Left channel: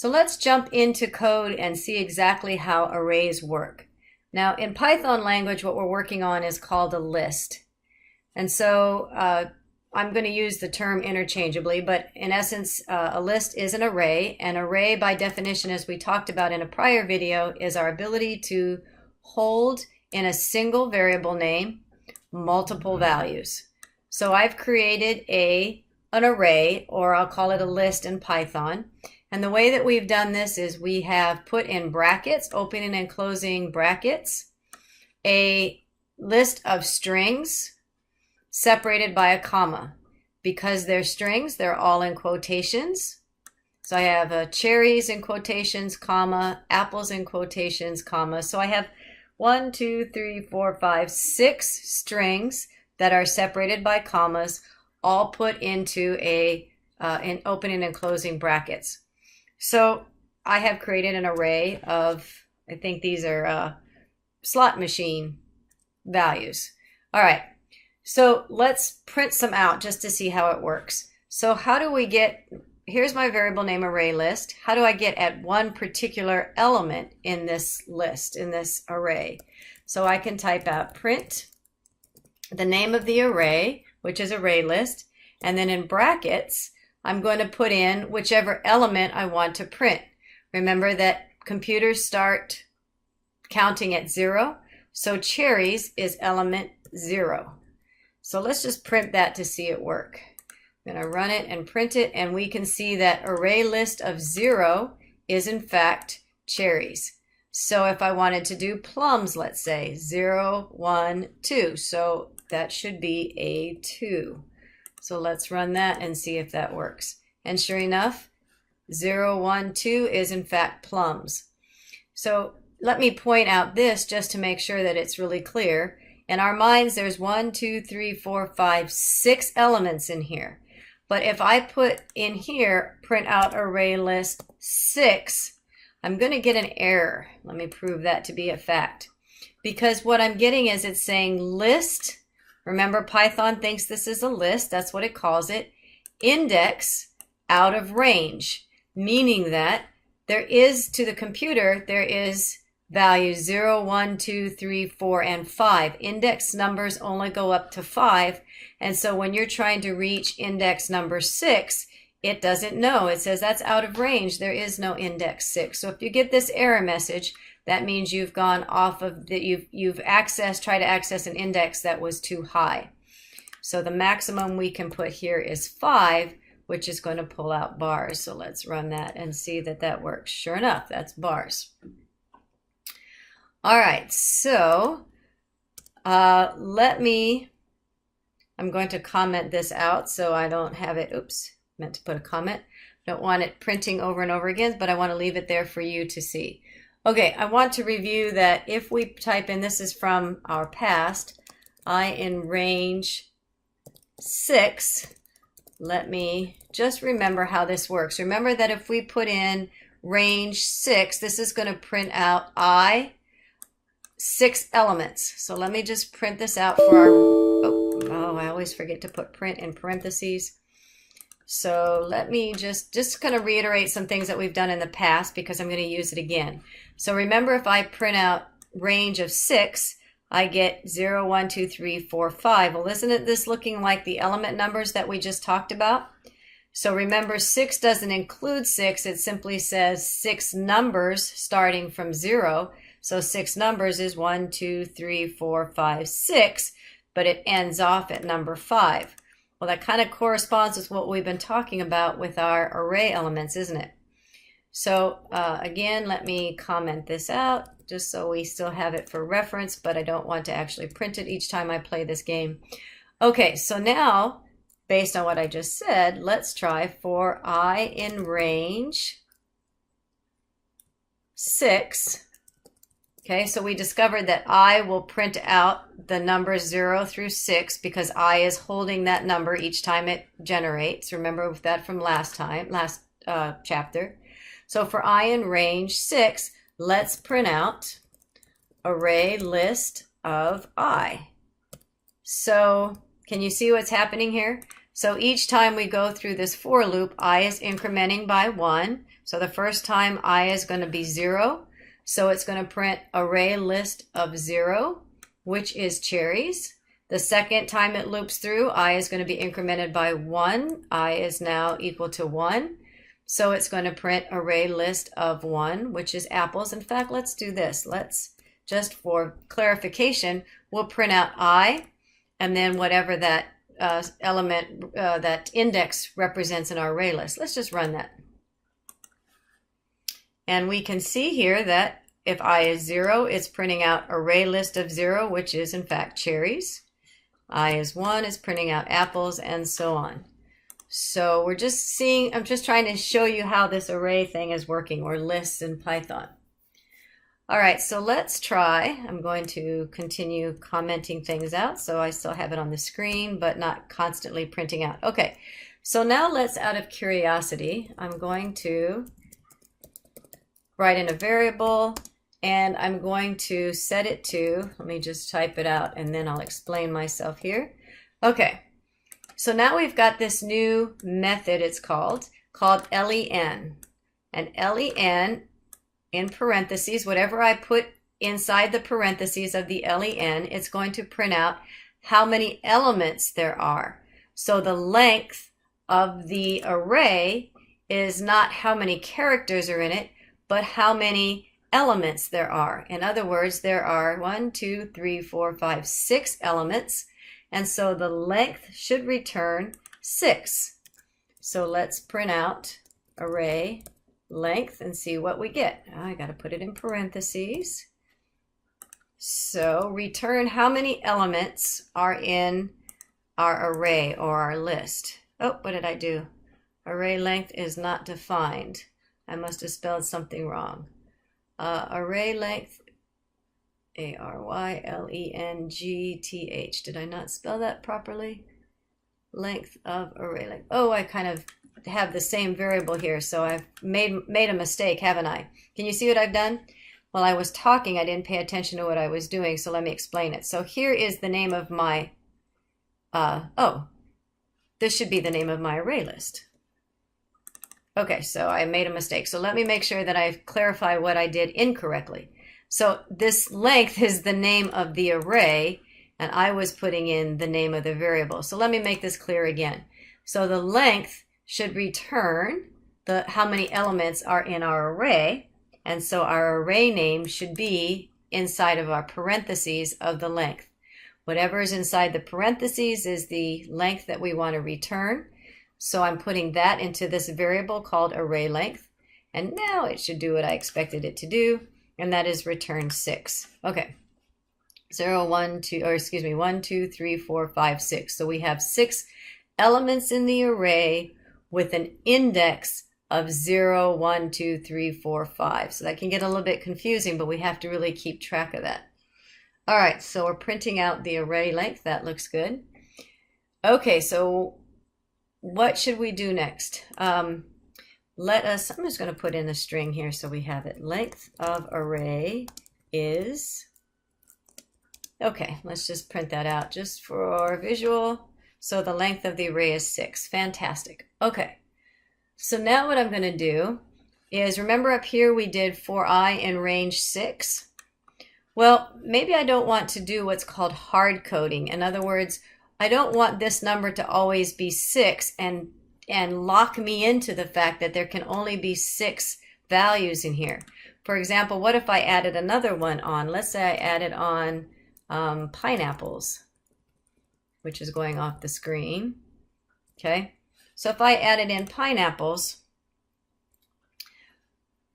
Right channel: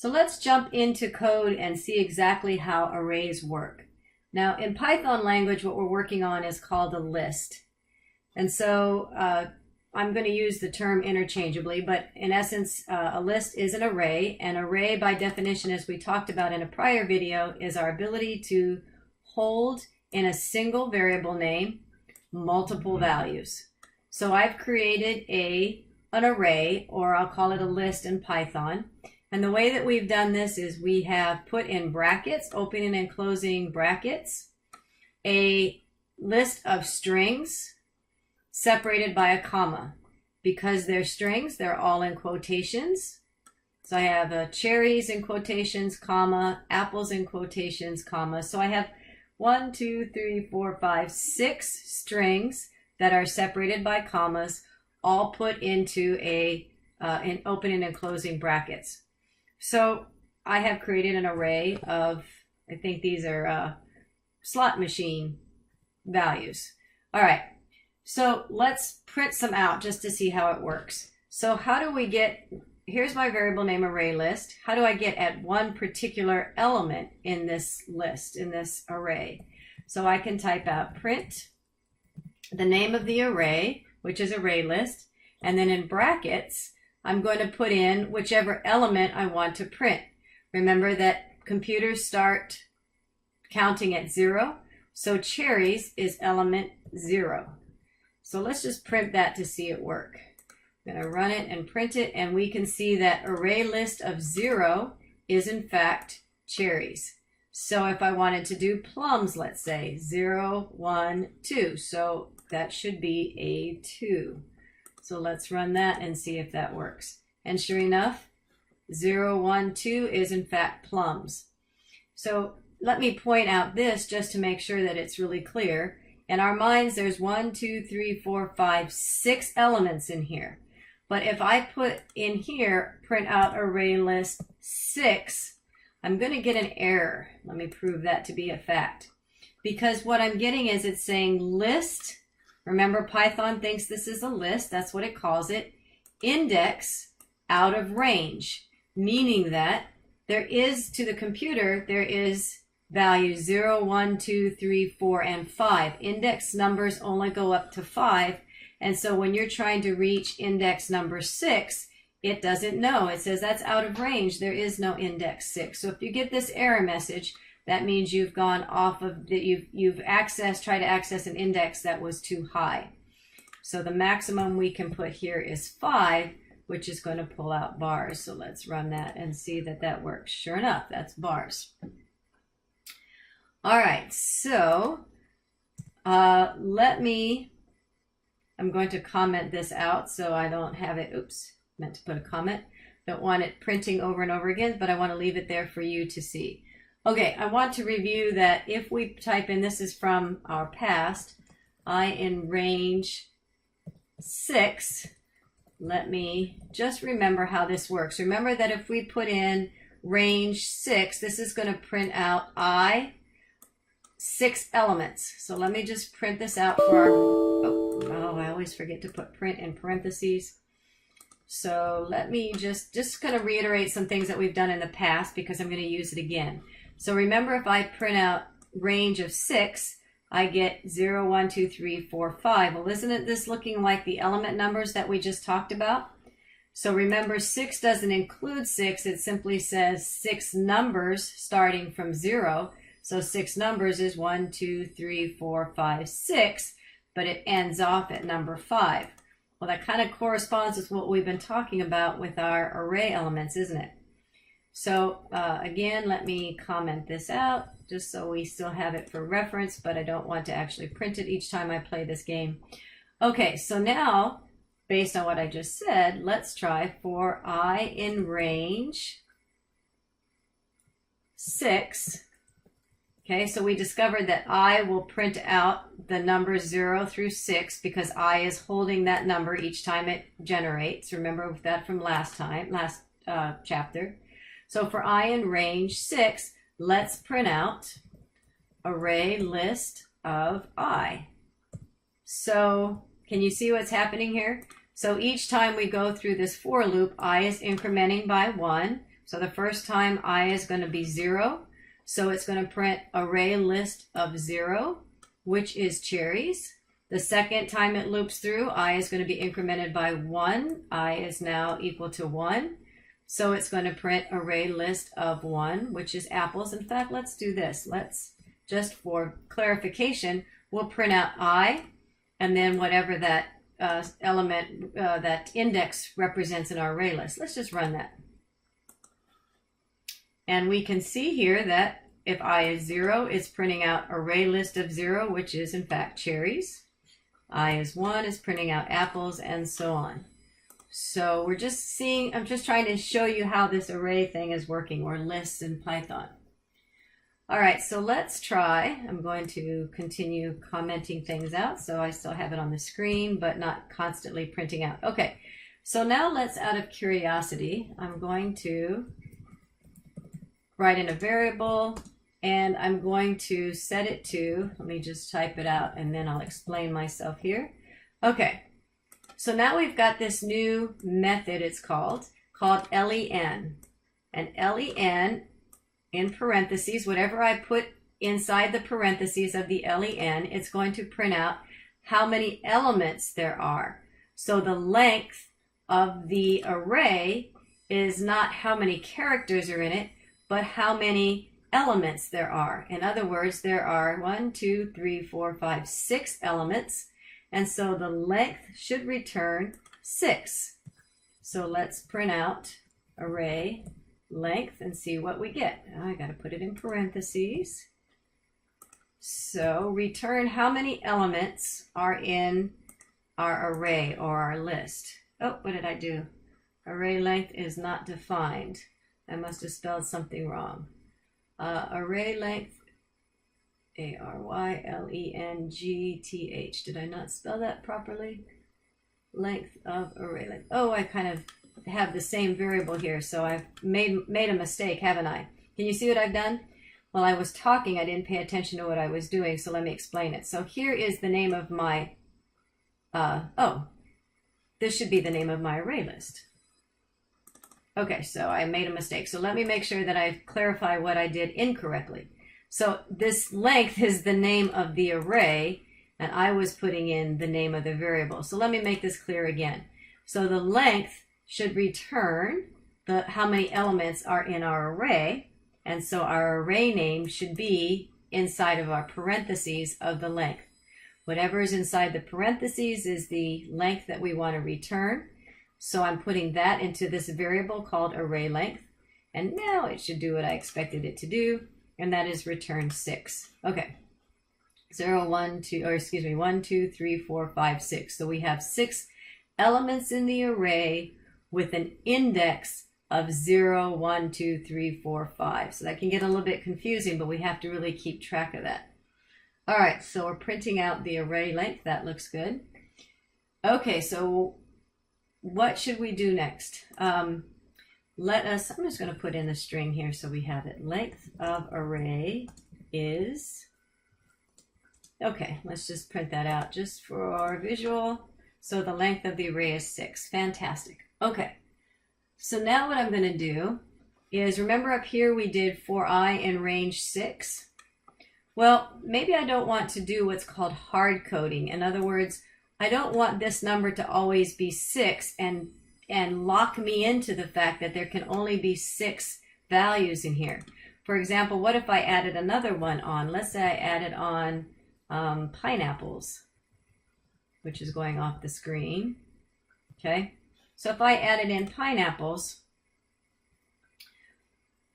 So let's jump into code and see exactly how arrays work. Now in Python language, what we're working on is called a list. And so I'm going to use the term interchangeably, but in essence, a list is an array. An array by definition, as we talked about in a prior video, is our ability to hold in a single variable name multiple values. So I've created an array, or I'll call it a list in Python. And the way that we've done this is we have put in brackets, opening and closing brackets, a list of strings separated by a comma. Because they're strings, they're all in quotations. So I have cherries in quotations, comma, apples in quotations, comma. So I have 1, 2, 3, 4, 5, 6 strings that are separated by commas, all put into in opening and closing brackets. So I have created an array of, I think these are slot machine values. All right, so let's print some out just to see how it works. So how do we get, here's my variable name array list. How do I get at one particular element in this list, in this array? So I can type out print the name of the array, which is array list, and then in brackets, I'm going to put in whichever element I want to print. Remember that computers start counting at 0, so cherries is element 0. So let's just print that to see it work. I'm going to run it and print it, and we can see that array list of 0 is in fact cherries. So if I wanted to do plums, let's say 0, 1, 2, so that should be a 2. So let's run that and see if that works. And sure enough, 0, 1, 2 is in fact plums. So let me point out this just to make sure that it's really clear. In our minds, there's 1, 2, 3, 4, 5, 6 elements in here. But if I put in here, print out array list 6, I'm going to get an error. Let me prove that to be a fact. Because what I'm getting is it's saying list. Remember, Python thinks this is a list. That's what it calls it. Index out of range, meaning that there is, to the computer, there is values 0, 1, 2, 3, 4, and 5. Index numbers only go up to 5. And so when you're trying to reach index number 6, it doesn't know. It says that's out of range. There is no index 6. So if you get this error message, that means you've gone off of the, you've tried to access an index that was too high. So the maximum we can put here is 5, which is going to pull out bars. So let's run that and see that that works. Sure enough, that's bars. All right, so I'm going to comment this out so I don't have it, oops, meant to put a comment. Don't want it printing over and over again, but I want to leave it there for you to see. Okay, I want to review that if we type in, this is from our past, I in range 6, let me just remember how this works. Remember that if we put in range 6, this is going to print out I 6 elements. So let me just print this out for our, oh, I always forget to put print in parentheses. So let me just going to reiterate some things that we've done in the past because I'm going to use it again. So remember, if I print out range of 6, I get 0, 1, 2, 3, 4, 5. Well, isn't this looking like the element numbers that we just talked about? So remember, 6 doesn't include 6. It simply says 6 numbers starting from 0. So 6 numbers is 1, 2, 3, 4, 5, 6, but it ends off at number 5. Well, that kind of corresponds with what we've been talking about with our array elements, isn't it? So again, let me comment this out just so we still have it for reference, but I don't want to actually print it each time I play this game. Okay, so now, based on what I just said, let's try for I in range 6. Okay, so we discovered that I will print out the numbers 0 through 6 because I is holding that number each time it generates. Remember that from last chapter. So for I in range 6, let's print out array list of I. So can you see what's happening here? So each time we go through this for loop, I is incrementing by 1. So the first time I is going to be 0. So it's going to print array list of 0, which is cherries. The second time it loops through, I is going to be incremented by 1. I is now equal to 1. So it's going to print array list of 1, which is apples. In fact, let's do this. Let's, just for clarification, we'll print out I, and then whatever that element, that index represents in our array list. Let's just run that. And we can see here that if I is 0, it's printing out array list of 0, which is in fact cherries. I is 1, is printing out apples, and so on. So we're just seeing, I'm just trying to show you how this array thing is working, or lists in Python. All right, so let's try. I'm going to continue commenting things out, so I still have it on the screen, but not constantly printing out. Okay, so now let's, out of curiosity, I'm going to write in a variable, and I'm going to set it to, let me just type it out, and then I'll explain myself here. Okay, so now we've got this new method, it's called len. And len, in parentheses, whatever I put inside the parentheses of the len, it's going to print out how many elements there are. So the length of the array is not how many characters are in it, but how many elements there are. In other words, there are 1, 2, 3, 4, 5, 6 elements. And so the length should return 6. So let's print out array length and see what we get. I got to put it in parentheses. So return how many elements are in our array or our list. Oh, what did I do? Array length is not defined. I must have spelled something wrong. Array length, ARYLENGTH. Did I not spell that properly? Length of array length. Oh, I kind of have the same variable here, so I've made a mistake, haven't I? Can you see what I've done? While I was talking, I didn't pay attention to what I was doing, so let me explain it. So here is the name of my, this should be the name of my array list. Okay, so I made a mistake. So let me make sure that I clarify what I did incorrectly. So this length is the name of the array, and I was putting in the name of the variable. So let me make this clear again. So the length should return how many elements are in our array, and so our array name should be inside of our parentheses of the length. Whatever is inside the parentheses is the length that we want to return. So I'm putting that into this variable called array length, and now it should do what I expected it to do, and that is return 6. Okay, 1, 2, 3, 4, 5, 6. So we have 6 elements in the array with an index of 0, 1, 2, 3, 4, 5. So that can get a little bit confusing, but we have to really keep track of that. All right, so we're printing out the array length. That looks good. Okay, so what should we do next? I'm just going to put in a string here so we have it. Length of array is, okay, let's just print that out just for visual. So the length of the array is 6. Fantastic. Okay, so now what I'm going to do is, remember up here we did for I in range 6? Well, maybe I don't want to do what's called hard coding. In other words, I don't want this number to always be 6 and lock me into the fact that there can only be 6 values in here. For example, what if I added another one on? Let's say I added on pineapples, which is going off the screen. Okay, so if I added in pineapples,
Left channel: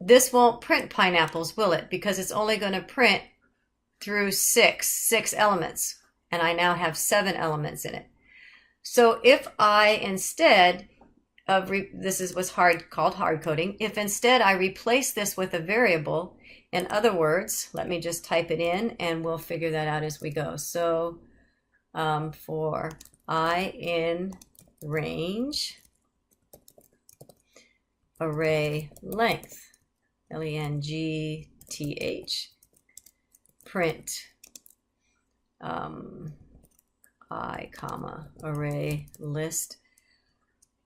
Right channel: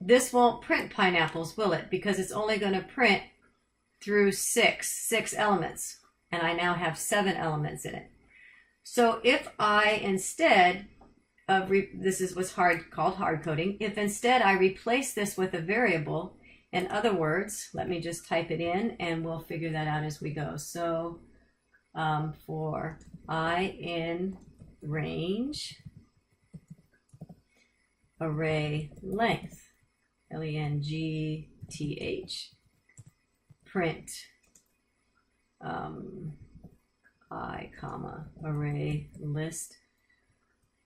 this won't print pineapples, will it? Because it's only going to print through 6 elements, and I now have 7 elements in it. So if I, instead of, this is what's called hard coding, if instead I replace this with a variable, in other words, let me just type it in and we'll figure that out as we go. So for I in range array length, LENGTH, print I, comma, array list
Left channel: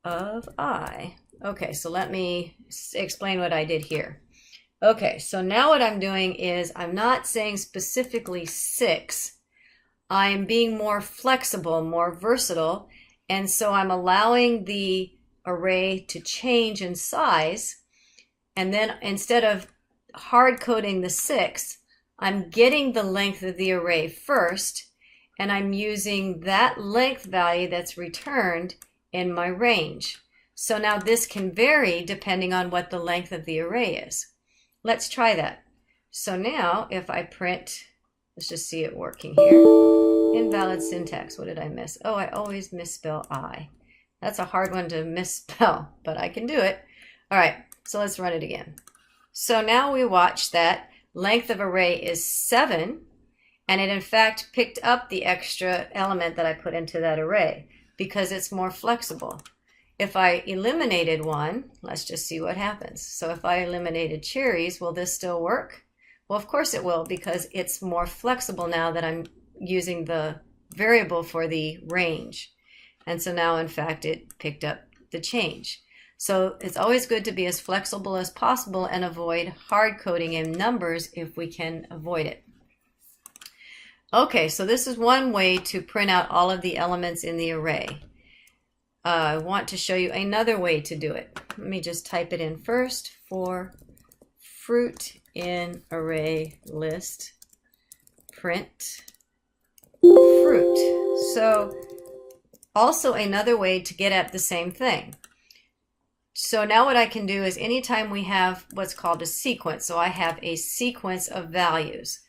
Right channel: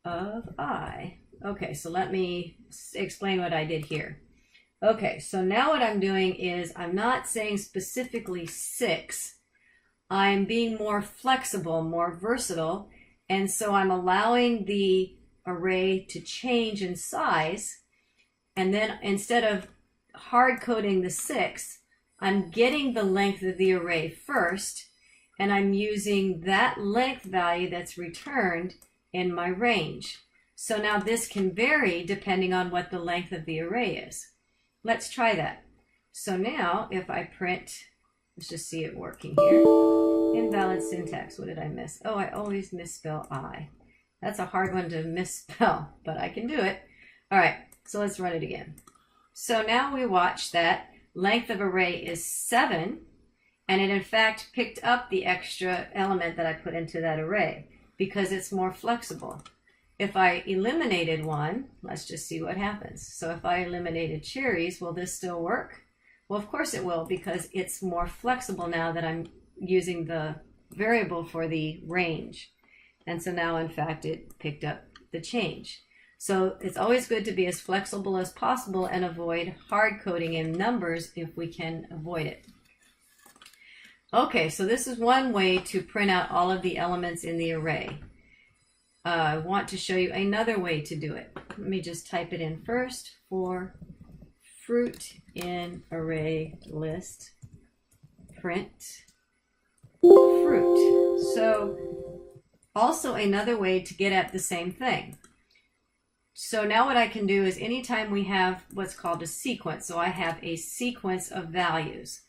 of I. Okay, so let me explain what I did here. Okay, so now what I'm doing is I'm not saying specifically 6. I'm being more flexible, more versatile, and so I'm allowing the array to change in size. And then instead of hard coding the 6, I'm getting the length of the array first, and I'm using that length value that's returned in my range. So now this can vary depending on what the length of the array is. Let's try that. So now if I print, let's just see it working here. Invalid syntax. What did I miss? Oh, I always misspell I. That's a hard one to misspell, but I can do it. All right, so let's run it again. So now we watch that length of array is 7, and it in fact picked up the extra element that I put into that array because it's more flexible. If I eliminated one, let's just see what happens. So if I eliminated cherries, will this still work? Well, of course it will, because it's more flexible now that I'm using the variable for the range. And so now, in fact, it picked up the change. So it's always good to be as flexible as possible and avoid hard coding in numbers if we can avoid it. Okay, so this is one way to print out all of the elements in the array. I want to show you another way to do it. Let me just type it in first. For fruit in array list, print fruit. So also another way to get at the same thing. So now what I can do is anytime we have what's called a sequence, so I have a sequence of values.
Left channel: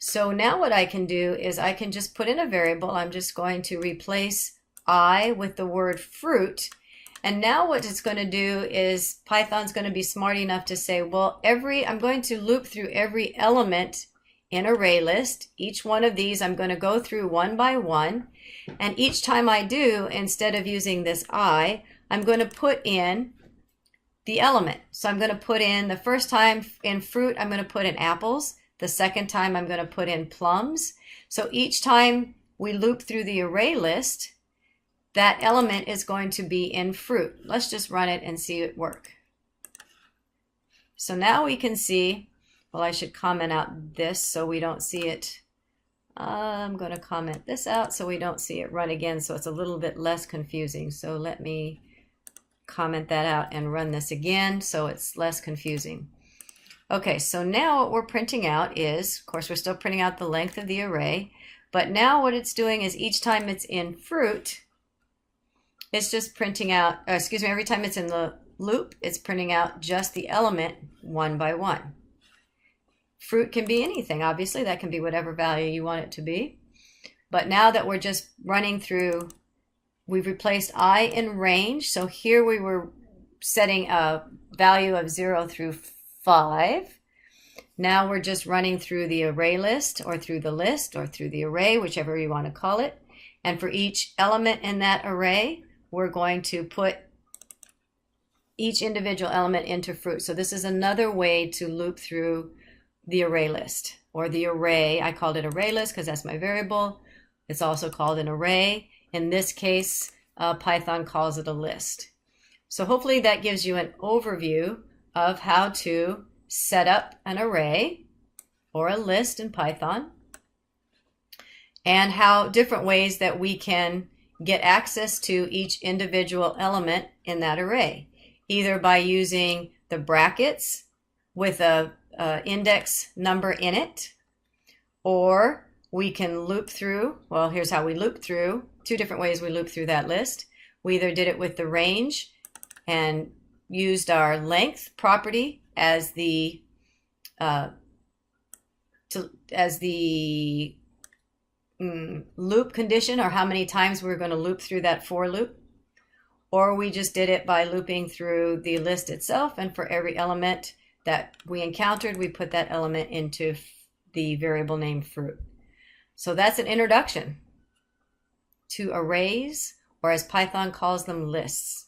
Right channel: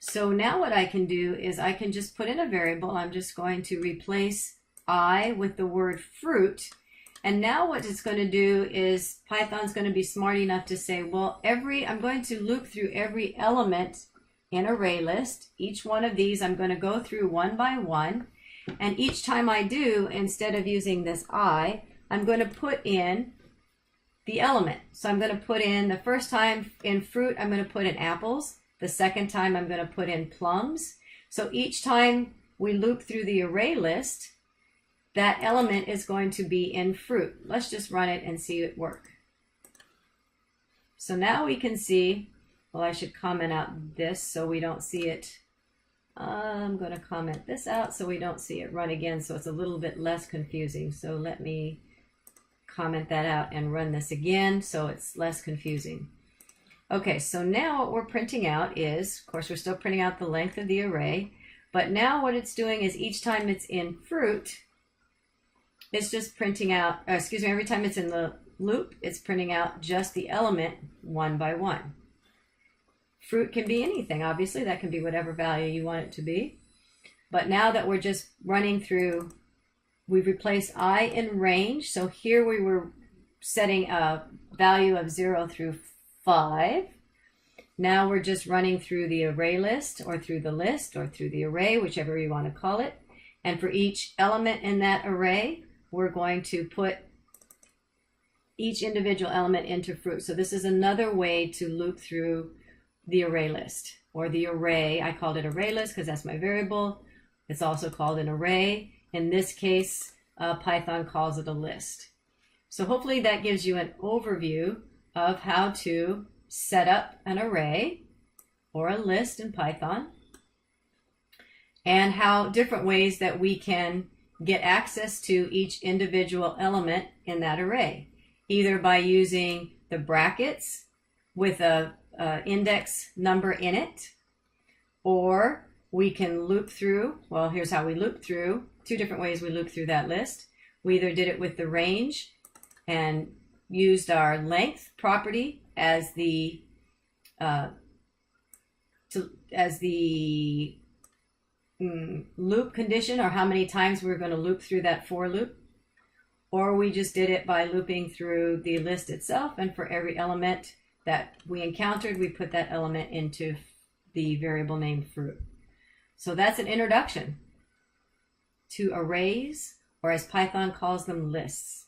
So now what I can do is I can just put in a variable. I'm just going to replace I with the word fruit. And now what it's going to do is Python's going to be smart enough to say, well, I'm going to loop through every element in array list. Each one of these I'm going to go through one by one. And each time I do, instead of using this I'm going to put in the element. So I'm going to put in, the first time in fruit, I'm going to put in apples. The second time I'm going to put in plums. So each time we loop through the array list, that element is going to be in fruit. Let's just run it and see it work. So now we can see, well, I should comment out this so we don't see it. I'm going to comment this out so we don't see it run again, so it's a little bit less confusing. So let me comment that out and run this again so it's less confusing. Okay, so now what we're printing out is, of course, we're still printing out the length of the array, but now what it's doing is each time it's in fruit, it's just printing out, every time it's in the loop, it's printing out just the element one by one. Fruit can be anything, obviously. That can be whatever value you want it to be. But now that we're just running through, we've replaced I in range. So here we were setting a value of 0 through 5. Now we're just running through the array list or through the list or through the array, whichever you want to call it. And for each element in that array, we're going to put each individual element into fruit. So this is another way to loop through the array list or the array. I called it array list because that's my variable. It's also called an array. In this case, Python calls it a list. So hopefully that gives you an overview of how to set up an array or a list in Python and how different ways that we can get access to each individual element in that array, either by using the brackets with a index number in it, or we can loop through, well, here's how we loop through, 2 different ways we loop through that list. We either did it with the range and used our length property as the loop condition, or how many times we're going to loop through that for loop, or we just did it by looping through the list itself, and for every element that we encountered, we put that element into the variable named fruit. So that's an introduction to arrays, or as Python calls them, lists.